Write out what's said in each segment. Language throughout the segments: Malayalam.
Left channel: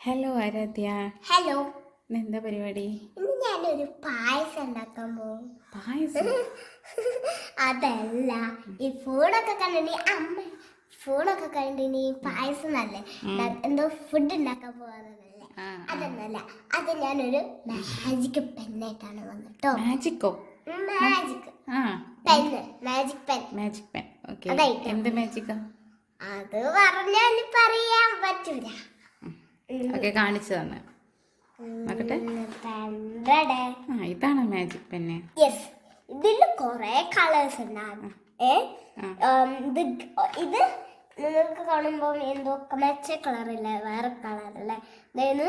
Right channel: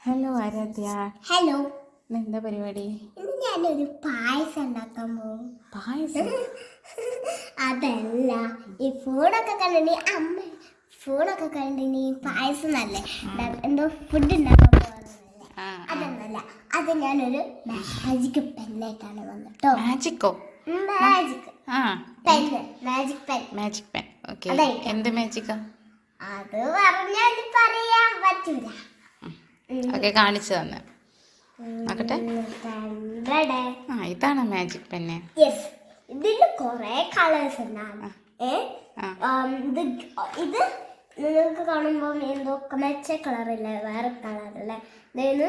ഹലോ ആരാധ്യ. ഹലോ എന്താ പരിപാടി? ഇന്ന് ഞാനൊരു പായസം ഉണ്ടാക്കാൻ പോകും പായസം? അതല്ല ഈ ഫോണൊക്കെ കണ്ടിനി അമ്മ ഫോണൊക്കെ കണ്ടിനി പായസം അല്ലേ എന്തോ ഫുഡ് ഉണ്ടാക്കാൻ പോകുന്നതല്ലേ ആ അതൊന്നല്ല അത് ഞാനൊരു മാജിക് പെന്നായിട്ടാണ് വന്നിട്ടോ. മാജിക്കോ magic pen magic pen magic pen okay. എന്ത് മാജിക്കാ അത് പറഞ്ഞാൽ പറയാൻ പറ്റൂല. ഓക്കെ കാണിച്ചു തന്നെ. നോക്കട്ടെ. ആ ഇതാണ് മാജിക് പെന്ന് ഇതിൽ കുറെ കളേഴ്സ് ഉണ്ടാകും ഇത് ഇത് നിങ്ങൾക്ക് കാണുമ്പോൾ എന്തോ മെച്ച കളറില്ല വേറെ കളറല്ലേ ഇതേന്ന്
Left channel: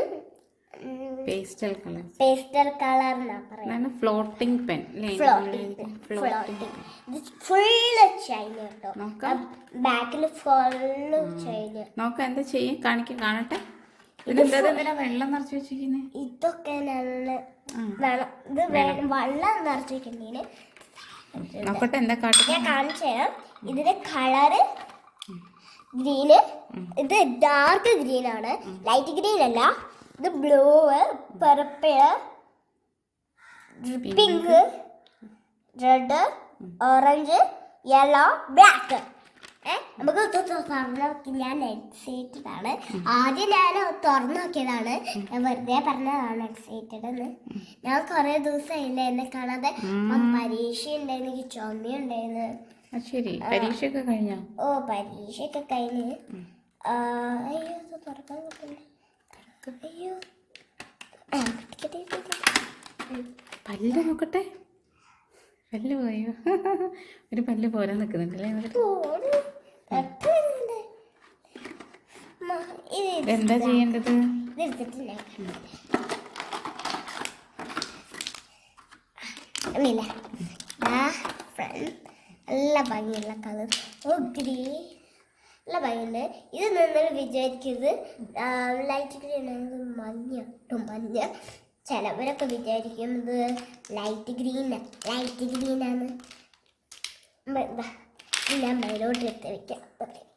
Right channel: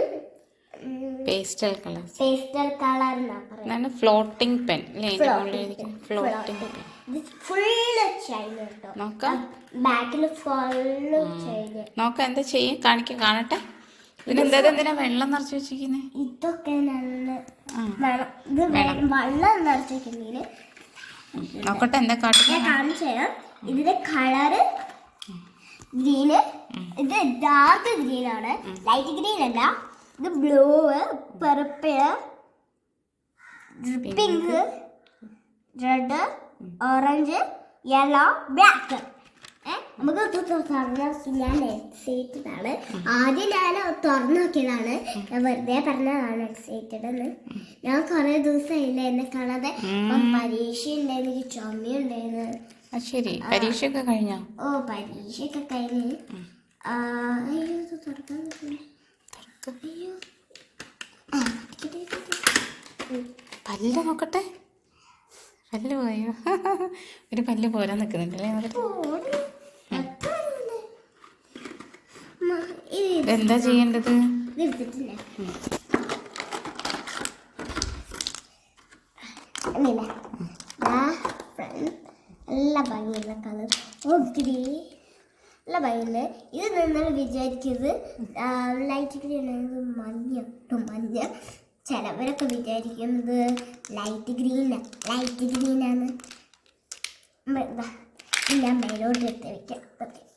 പേസ്റ്റൽ കളർ പേസ്റ്റൽ കളർ എന്നാണ് floating pen floating pen full China നോക്കാം. ബാക്കിൽ ഫുള്ള് ചൈന നോക്കാം എന്താ ചെയ്യും? കാണിക്കാൻ കാണട്ടെ. ഇതിനെന്താ എന്തിനാ വെള്ളം നിറച്ച് വെച്ചിരിക്കുന്നത് ഇതൊക്കെ നല്ല വെള്ളം ഇത് വെള്ളം. നിറച്ചിട്ടുണ്ടെങ്കിൽ നോക്കട്ടെ എന്താ കാട്ടുക ഞാൻ കാണിച്ചു തരാം. ഇതിന്റെ കളറ് ഗ്രീന്. ഇത് ഡാർക്ക് ഗ്രീൻ ആണ് ലൈറ്റ് ഗ്രീൻ അല്ല ഇത് blue purple pink. Red orange yellow black. നമുക്ക് തുറന്നു ഞാൻ എക്സൈറ്റഡ് ആണ്. ആദ്യം ഞാൻ തുറന്നു നോക്കിയതാണ്. ഞാൻ വെറുതെ പറഞ്ഞതാണ് എക്സൈറ്റഡ് എന്ന്. ഞാൻ കുറെ ദിവസമായില്ല എന്നെ കാണാതെ. പരീക്ഷ ഉണ്ടായിരുന്നു എനിക്ക് ചുമയുണ്ടായിരുന്നു. ആ ശരി. പരീക്ഷയൊക്കെ കഴിഞ്ഞോ? ഓ പരീക്ഷയൊക്കെ കഴിഞ്ഞ്. ആ, അയ്യോ തുറക്കാൻ അയ്യോ. പല്ല് നോക്കട്ടെ. പല്ല് പോയോ? ഒരു പല്ല് പോരാൻ നിൽക്കുന്നുണ്ടല്ലേ നോക്കട്ടെ പോട്. എത്ര ഉണ്ട്? മാ, ഇത് എന്താ ചെയ്യേണ്ടത് നല്ല ഭംഗിയുള്ള കളർ നല്ല ഇത് നിങ്ങൾ വിചാരിക്കുന്നത് ലൈറ്റ് ഗ്രീൻ മഞ്ഞ ട്ടോ, മഞ്ഞ ചിലവരൊക്കെ വിചാരിക്കുന്നത് ലൈറ്റ് ഗ്രീൻ ലൈറ്റ് ഗ്രീനാണ് ഞാൻ മേലോട്ട് എടുത്ത് വെക്കാം ഇതൊക്കെ വെക്കാം.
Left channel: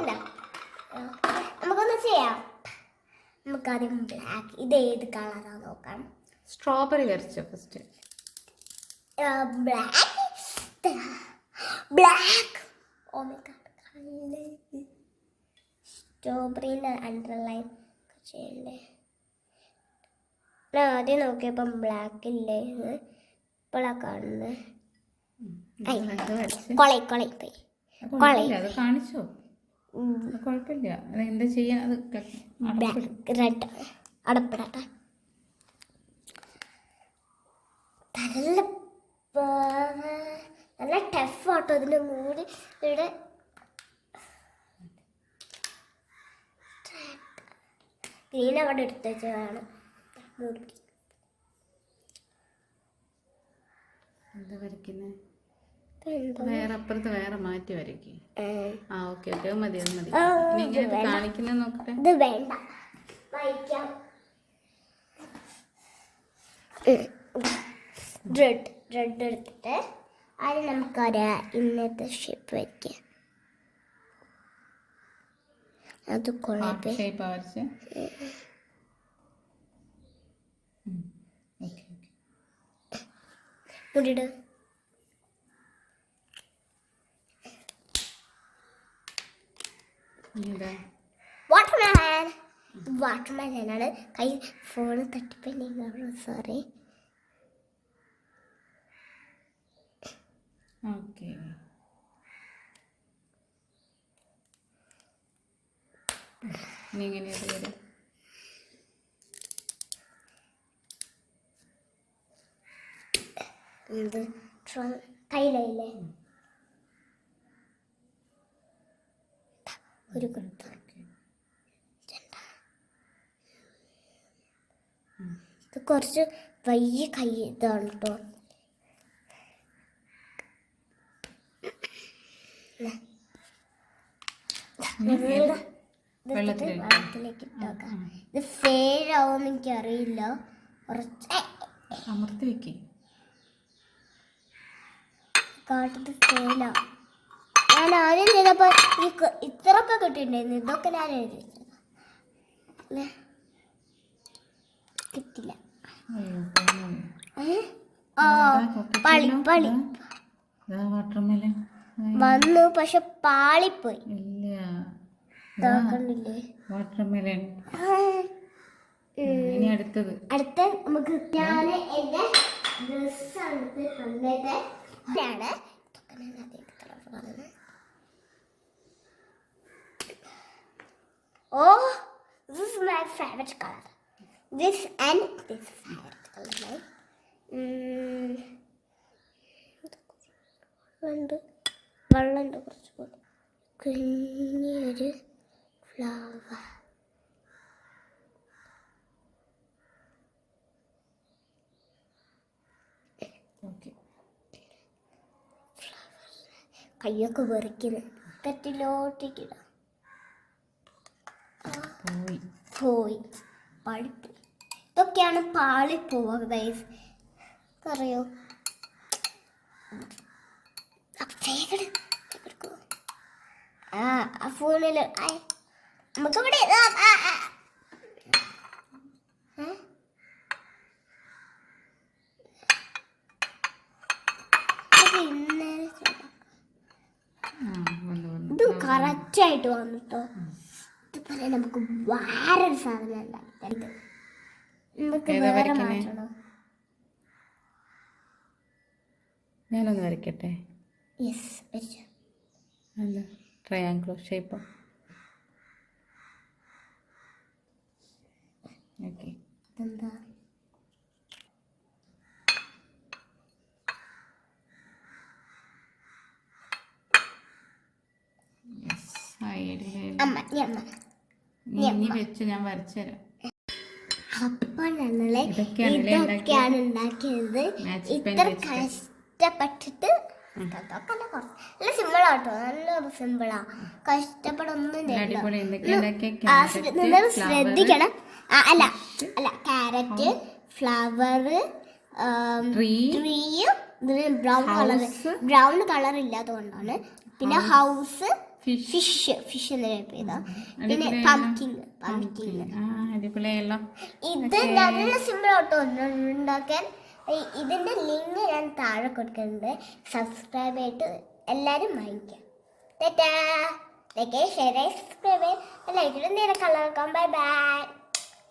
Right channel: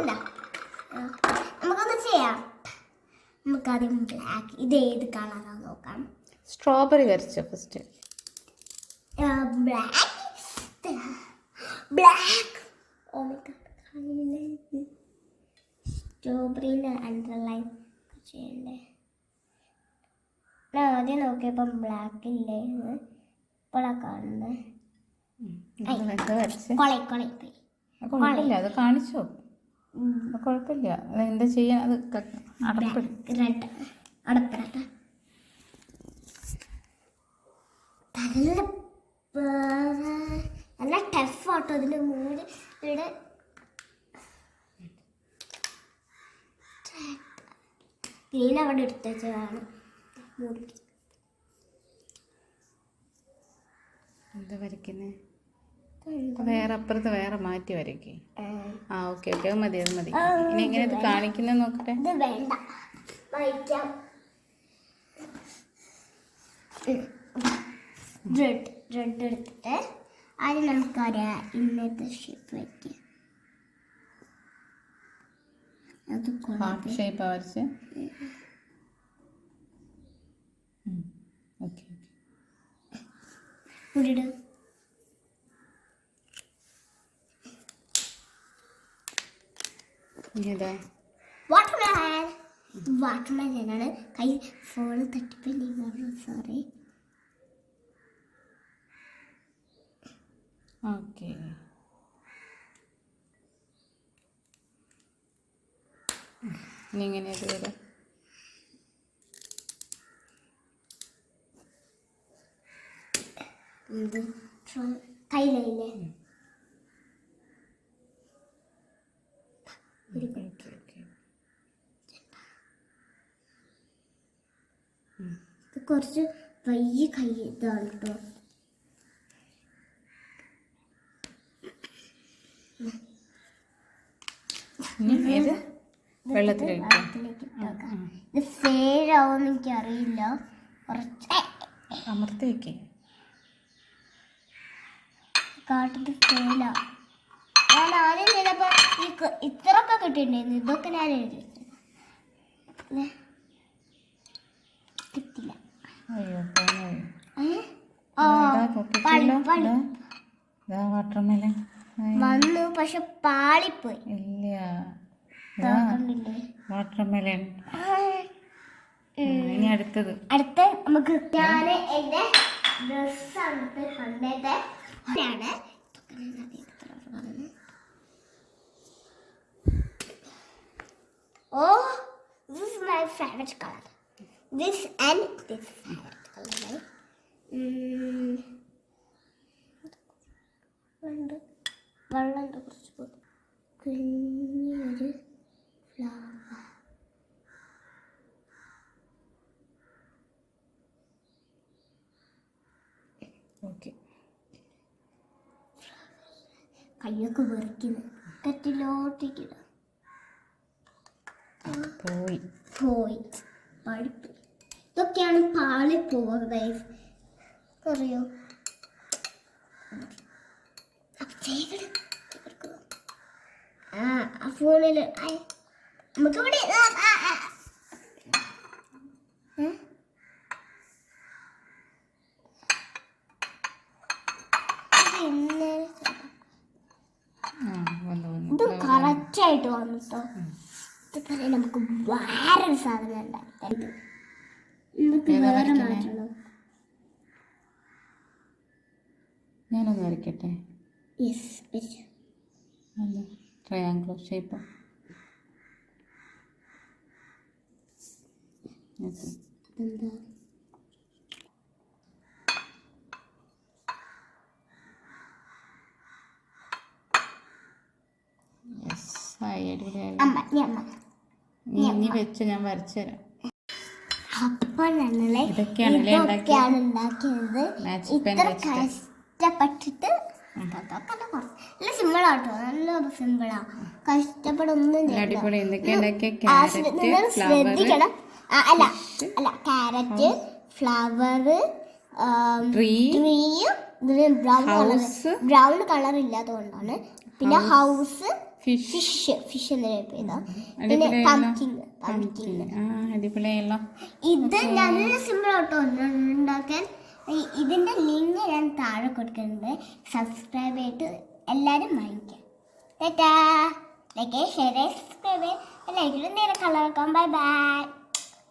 ദാ, ആ, നമുക്കൊന്ന് ചെയ്യാം നമുക്ക് ആദ്യം ബ്ലാക്ക് ഇത് ഏത് കളറാണ് നോക്കാം. സ്ട്രോബെറി വരച്ചോ ഫസ്റ്റ്. ബ്ലാക്ക് ബ്ലാക്ക് ഓ സ്ട്രോബെറിന്റെ അണ്ടർലൈൻ ചെയ്യണ്ടേ ഞാൻ ആദ്യം നോക്കിയപ്പം ബ്ലാക്ക് ഇല്ലേ ഇപ്പോഴാണ് കാണുന്നത്. കൊളൈ കൊളൈ പോയി കാണിച്ചോ? കുഴപ്പമില്ല. അത് എന്താ ചെയ്യാ? അത് റെഡ് അടപ്പിടട്ടെ. നല്ല നല്ല ടഫ് ആട്ടോ ഇതിന്റെ മൂട്. ഇവിടെ ഗ്രീൻ അവിടെ എടുത്ത് വെച്ചതാണ്. മൂടി. എന്താ വരയ്ക്കുന്നേ? വേറെ അപ്പുറത്ത് വേറെ മാറ്റി വരയ്ക്കേ. ആ ഓക്കെ ഓക്കെ അത് മതി അത് മതി. ഇനി എങ്ങനെ ഇത് കാണിക്കുന്നത് നോക്കട്ടെ റെഡ് റെഡ് എടുത്തിട്ട് നമുക്കൊരു ഇന്നത്തെ ഷേപ്പ് വയ്ക്കാം അത് ഹാർട്ട് കുഴപ്പം ഷേപ്പാ വരച്ച്? ഓക്കെ ഇടിട് ഇനി ഇതാ വാട്ടർമാൻ വാട്ടർമാനാണ് കൈ ഫോൺ തട്ടിപ്പോ സോറി ഓക്കെ ഇങ്ങനെ ഇത് വരും? ഇത് കയ്യിലല്ലേ ഒരു കൊടുത്തു ഇത് കുറച്ച് വലിയ കൈ ഇതാണ് കേട്ടോ? വെള്ളത്തിലേക്ക് ഇത് ആവുമെന്ന് എനിക്കറിയില്ല. കുറച്ച് അമർത്തി വെക്കേ. കാട്ടിട്ട് ഫെയിലാ ഞാൻ ആദ്യം ചെയ്തപ്പോ ഈ ക- ഇത്രയൊക്കെ കിട്ടിയിട്ടുണ്ടായിരുന്നു. ഇതൊക്കെ ഞാൻ എഴുതി കിട്ടില്ല. വാട്ടർമെലൻ. വന്നു പക്ഷെ പാളിപ്പോയി. ഇല്ല. വാട്ടർമെലൻ. ഇനി അടുത്തത്. അടുത്ത നമുക്ക് ഞാൻ എന്റെ ആണ് ഓ this my my colour this and this favorite color ഉം. ഉണ്ട് വെള്ളമുണ്ട് കുറച്ച്. കുഞ്ഞൊരു ഫ്ലവർ കയ്യൊക്കെ വെറിക്കുന്നു തെറ്റിലോട്ടിക്കില്ല പോയി. പോയി. പാളിപ്പോയി ഇതൊക്കെയാണ് പാളിപ്പോവുക ഗൈസ് അറിയോ? ആ ആ ഫോണിൽ. ഇത് കറക്റ്റായിട്ട് വന്നു കേട്ടോ ഇത് തന്നെ നമുക്ക് വേറൊരു സാധനം ഉണ്ടാക്കി നമുക്ക് ഏതാ വേറെ വരയ്ക്കുന്നെ? മാറ്റണം ഞാനൊന്ന് വരയ്ക്കട്ടെ? എന്താ ട്രയാങ്കിൾ ഷേപ്പ് ഓക്കെ എന്താ യെസ് ആയി അടിപൊളിയായി. അമ്മ നീ വെച്ച് ഞാൻ വരച്ചു തരാം. അപ്പൊ ഞങ്ങൾ ഇതൊക്കെയാണ് ഉണ്ടാക്കിയത്. ഇത്ര കഷ്ടപ്പെട്ടിട്ട് നല്ല നല്ല സിമ്പിളാട്ടോ നല്ല സിമ്പിളാ കഷ്ടപ്പെടൊന്നും നിങ്ങൾ ശ്രദ്ധിക്കണം. അല്ല അല്ല ക്യാരറ്റ് ഫ്ലവർ ട്രീ. ട്രീയും ബ്രൗൺ കളർ ബ്രൗൺ കളർ ഇല്ലാത്തതുകൊണ്ടാണ് പിന്നെ ഹൗസ് ഫിഷ് ഫിഷ് ഫിഷ് എന്ന് ചെയ്താ പിന്നെ. പംകിൻ പംകിൻ ആ അടിപൊളിയായല്ലോ ഇത് നല്ല സിമ്പിൾ ആട്ടോ. ഉണ്ടാക്കാൻ. ഇതിന്റെ ലിങ്ക് ഞാൻ താഴെ കൊടുക്കുന്നുണ്ട്. സബ്സ്ക്രൈബ് ചെയ്തിട്ട് എല്ലാവരും വാങ്ങിക്കാം. ടാറ്റാ ലൈക്ക് ഷെയർ സബ്സ്ക്രൈബ് ലൈക്കിൽ നേരെ കളർ ബൈ ബൈ